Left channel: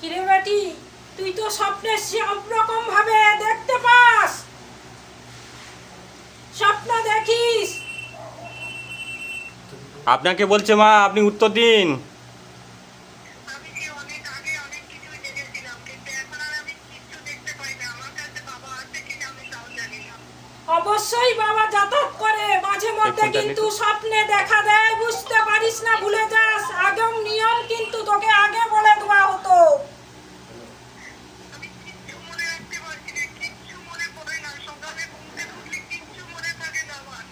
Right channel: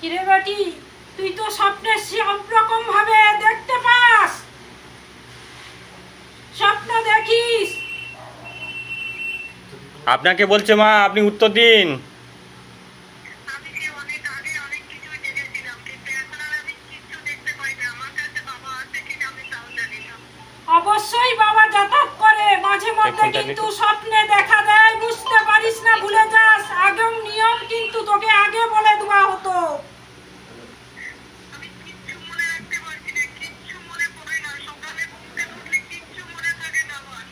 কিরে বেটি তুই তো স্বপ্নে সব রকম ভাবে দেখতে পাস। স্বপ্ন দেখিস। আপনাকে বলছে মা আপনি উত্তর দিন। আমি কি অনেক আগে অনেক কিছুই দেখেছিলাম কিন্তু এখন আর আমি কিচ্ছু দেখতে পাই না। আমার কাছে বাবা আছে কিনা আমি তাও জানি না। অবশ্যই বাবা যাতায়াত করে মাঝে মধ্যে কিন্তু স্বপ্নে দেখা দেয় বুঝতে পারিস না ভুলে যাস। আগম নিয়ম কিন্তু তোকে আগে বলে দেওয়া হতো আমি কিচ্ছু মনে রাখতে পারছি না কিচ্ছু মনে পড়ে না সকালে ঘুম থেকে উঠলে কিচ্ছু মনে থাকে না আমার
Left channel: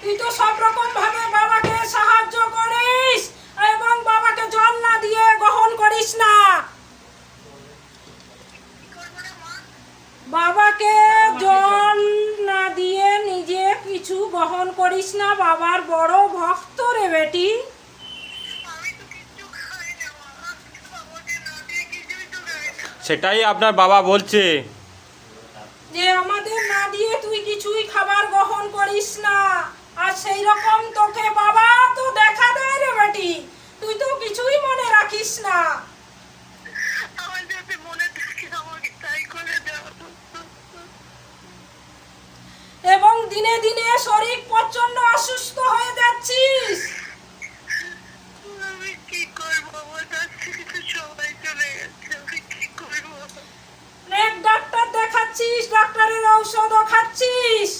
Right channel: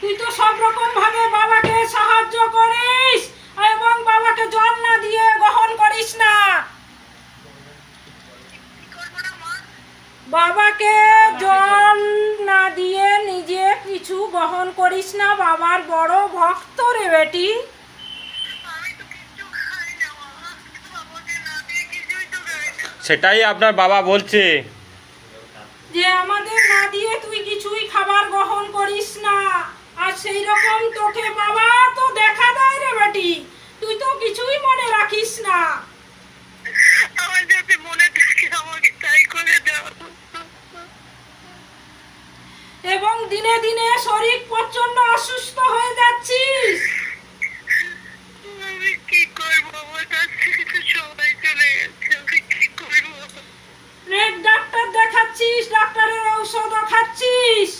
তুই তো সব রকম ভাবে বাবাকে সাহায্য করিস এবং বাবাকে জল না দিয়ে গ্রহণ করিস না কি করব না মা বাবাকে জল না দিয়ে নিজে কিছু বহন করিস না বাবার বড় ভক্ত রে বেটি। সেটাই আপনার বাবা বলছে। যে আমাদের না দিয়ে তুই কিছুই খাবার গ্রহণ করিস না আর সেই রকম তোকে বাবা তো দেখা দেয় রে বেটি তুই তো কিছুই মনে রাখিস না আমার যাতে মনে থাকে আমাকে তাই করে দাও এবং দিনে দিনে শরীর প্রচণ্ড অসুস্থ হয়ে যাচ্ছিস আমি কি করব আমার কাছ থেকে তো সবাই চলে গেছে আমি কি করব অনেক ডাক্তার দেখাচ্ছিস ডাক্তারের ঔষধও খাচ্ছিস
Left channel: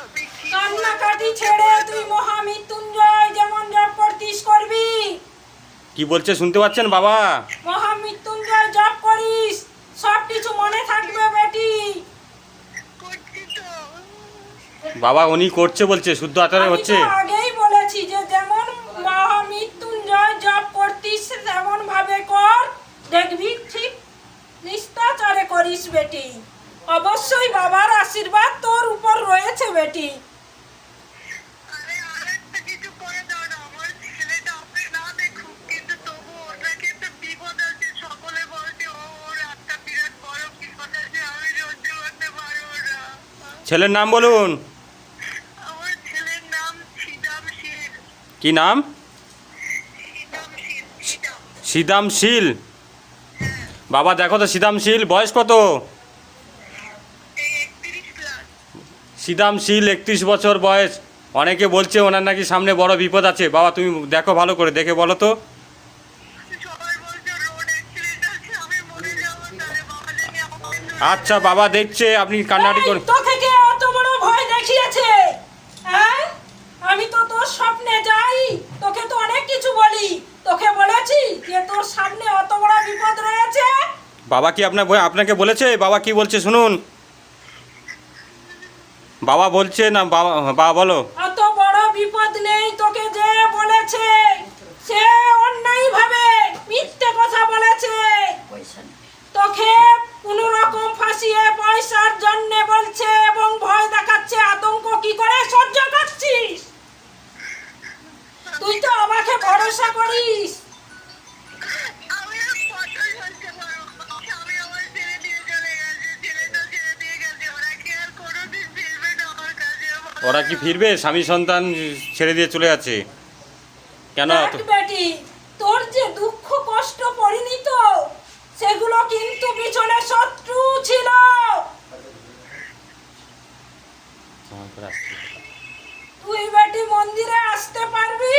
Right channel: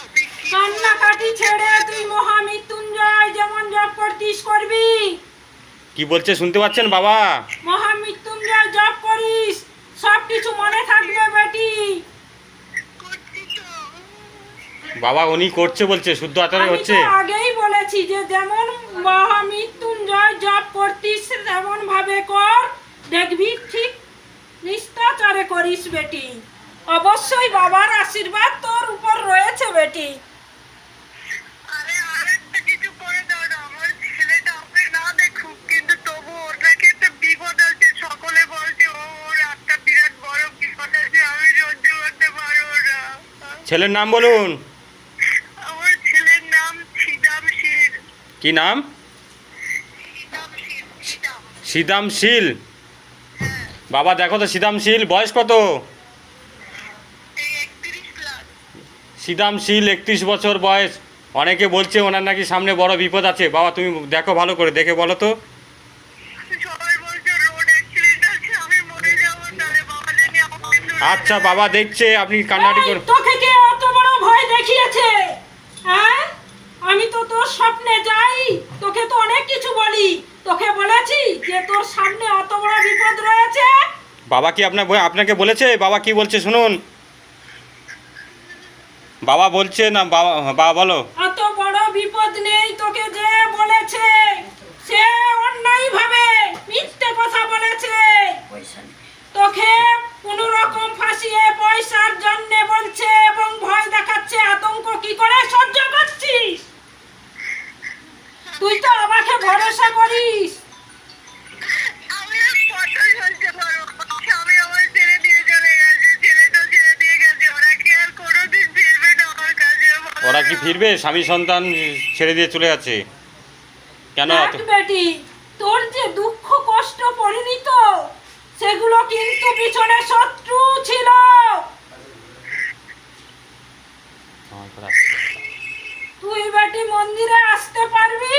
আমি কি কান্নাকাটি ছেড়ে তুই মহামৃত্যুঞ্জয় যেমন জপ করতিস করবি। কি বলছে শুনতে পাচ্ছেন বাবা? মহামৃত্যুঞ্জয় জপ করিস সব কিছু মনে থাকবে বেটি। বাবা উনি করছে বলছে শুদ্ধ হচ্ছে। আগেই বলেছি যে যেমন মহামৃত্যুঞ্জয় জপ করতিস তেমন ভাবে কর। দেখবি ঠিক নিষ্ঠাচারে করিস বেটি। অবশ্যই বাবার আশীর্বাদ তোর উপর রয়েছে বেটি আরে আরেকটা কিছু করে দাও না আমার ছেলেটা আপনি না দেখুক কিন্তু তবু ওর নাকি একটা বিপদ আছে সকলে বলছে ও ওর একটা বিরাট বড় বিপদ আছে আমি সহ্য করতে পারব না ছেলের নাম বলুন। আমার ছেলের নাম সিদাম শীল। কি নাম? সিদাম শীল সিদাম। সিদাম শীল। বাবা দেখো তো সিদাম শীল বয়স কত? এই একত্রিশ সিদাম শীল একত্রিশ বছর বয়স। অনেকে বলছে ওনার নাকি সামনে বড় বিপদ আছে। বাবা তুমি দেখো ভালো করে দেখে বলো তো। ধরে আচ্ছা বাবা দেখছে আপনি কান্নাকাটি এই, করুন তোকে কে অত বড় ভয় দেখিয়েছে হ্যাঁ আমি তো তোর স্বপ্নে যাই তোকে তো অনেক কিছু বলি তোকে বলেছি যে তোর সামনে অত বড় বিপদ রয়েছে? বাবা কি আপনার বই- আপনাকে বলেছে? বাবা কি বলছে শুনুন। বাবা বলছে না বাবা বাবা বলো। অত বড় বিপদ নেই তোকে যে বলেছে। সে অন্যায় ভাবে মিথ্যে কথা বলেছে। তোকে কোনো রকম ফাঁসিয়ে পয়সার জন্য বলছে এবং ভয় দেখাচ্ছে। আতঙ্ক কি করে সহ্য করছিস? তুই তো আমাকে ভরসা করিস। ওরা কি ফিরবে? স্বামী সন্তান ছেড়ে দিয়ে চলে যাচ্ছে। কেন? বেটি তোর যে দুঃখ কষ্ট পরিণত সেগুলো কিন্তু পিছনে শত্রু ছিল। তুই বেটি মন্দিরে আসতে পারবি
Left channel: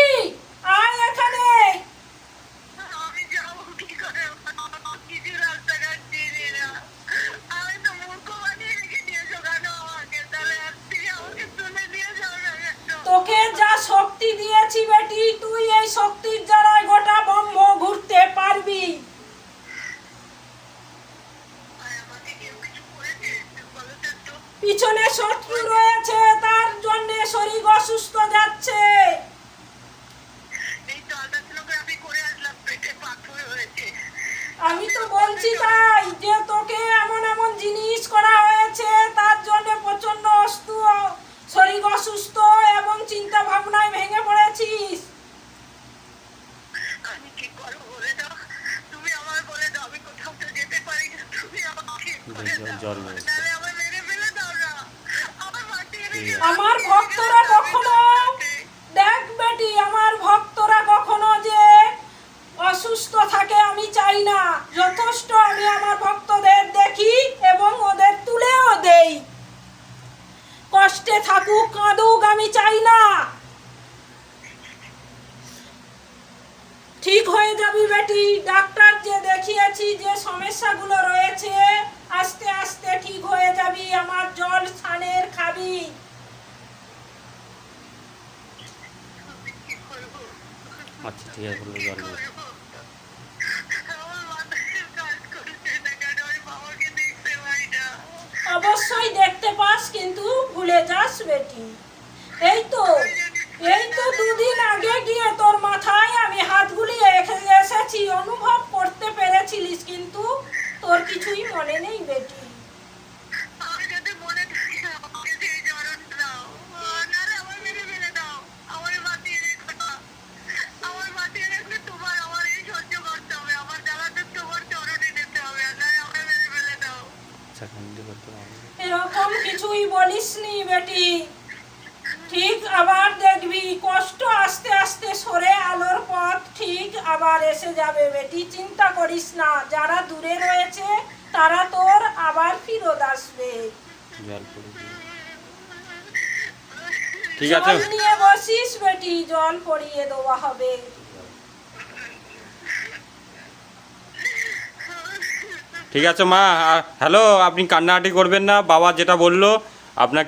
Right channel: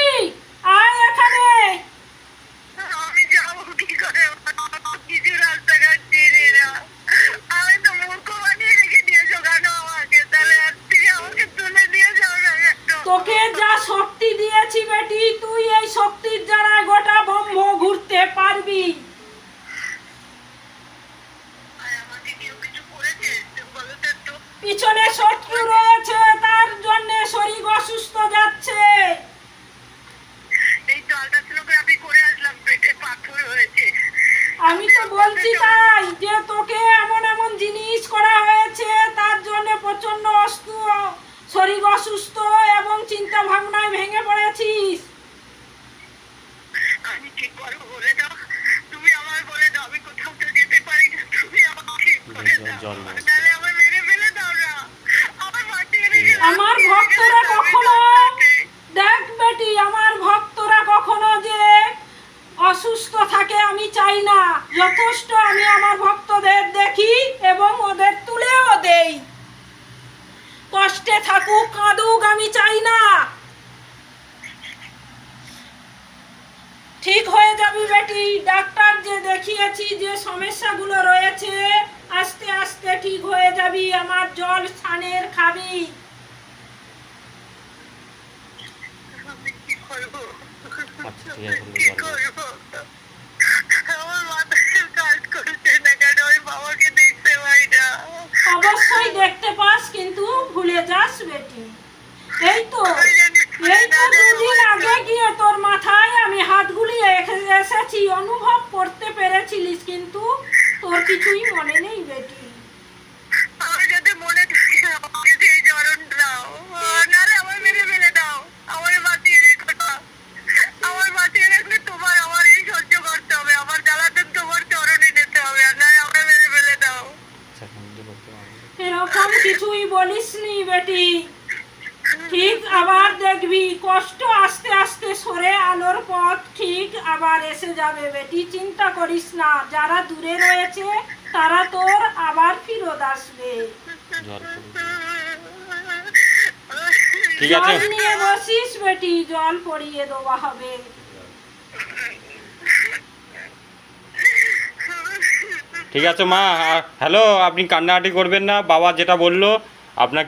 আয় এখানে আমি যাব কি করে আমার কিছু রাস্তাঘাট চিনি না আমি তো মূর্খ বানিয়ে রেখে দিয়েছ কেন আমাকে তাহলে আজ থেকে আমাকে তুলে দিয়ে যাও না একটু তোকে যা শক্তি দিয়েছি বেটি তুই এই শক্তির দ্বারা গোটা ব্রহ্ম ঘুরতে পারবি আর আমাকে কেউ কিছু করেছে বলো তো একটু পিছনে শত্রু রয়েছে তার জন্য শরীর অসুস্থ যাচ্ছে। এই তো আল্ট্রাসোনোগ্রাফি করে আসলাম পেটে পাথর হয়েছে। আমি তো বলছি তাই যে তোকে এমন এমন জিনিস করা হয়েছে তার জন্য প্রচণ্ড শরীর অসুস্থ এবং চিন্তা ভাবনায় ভেঙে পড়েছিস। আমি কি করব বলে দাও? তুমি আমার বলে দাও আমি কোথাও তো যেতে পারি না তুমি আমাকে ঠিক করে দাও। আমার ভক্তরা কখনো দেখ বেটি, আমার ভক্তরা কখনো যে অসুস্থ থাকে আমি চাই না। যথেষ্ট আমি আমার ভক্তদের দেখি এবং ওদের তুলেও দেই। কষ্টে থাকুক, কাঁদুক, আমি চাই না। ঠিক হয়ে যাবি বেটি ডাক্তার যে দেখিয়েছি যে সমস্যাগুলো রয়েছে, আস্তে আস্তে ঠিক হয়ে যাবি, আমার জল স্থানের খাবি আমি কি করব আচ্ছা ঠিক আছে বলল কি জল দাও। করব আমার মাথায় কাজ করছে না কেন ওই বাবাকে দেখতে পাই না অবশ্যই দেখতে পাস, কিন্তু ভুলে যাস বেটি। এই তো এই তো দুদিন আগে গিয়ে তোর মাথায় আমি হাত গুলিয়ে এসেছি, অনুভব করতে পেরেছিলিস, কিন্তু তোর কিছুই মনে নেই বেটি। কিছুই বলিসনি বেটি। ঠিক আবার দেখবি কষ্ট আস্তে আস্তে সরে আলোর পথ ঠিক আবার এসে যাবে বেটি চিন্তা করিস না যারা দূরে রয়েছে তারা তোর আবার ফিরত আসবে। জল ঠিক আছে। নিয়ে বসিস বেটি জল পড়িয়ে দেওয়া হবে। ঠিক আছে মা। হ্যালো আপনি কান্নাকাটি করবেন না। বাবা যেটা বলল আপনাকে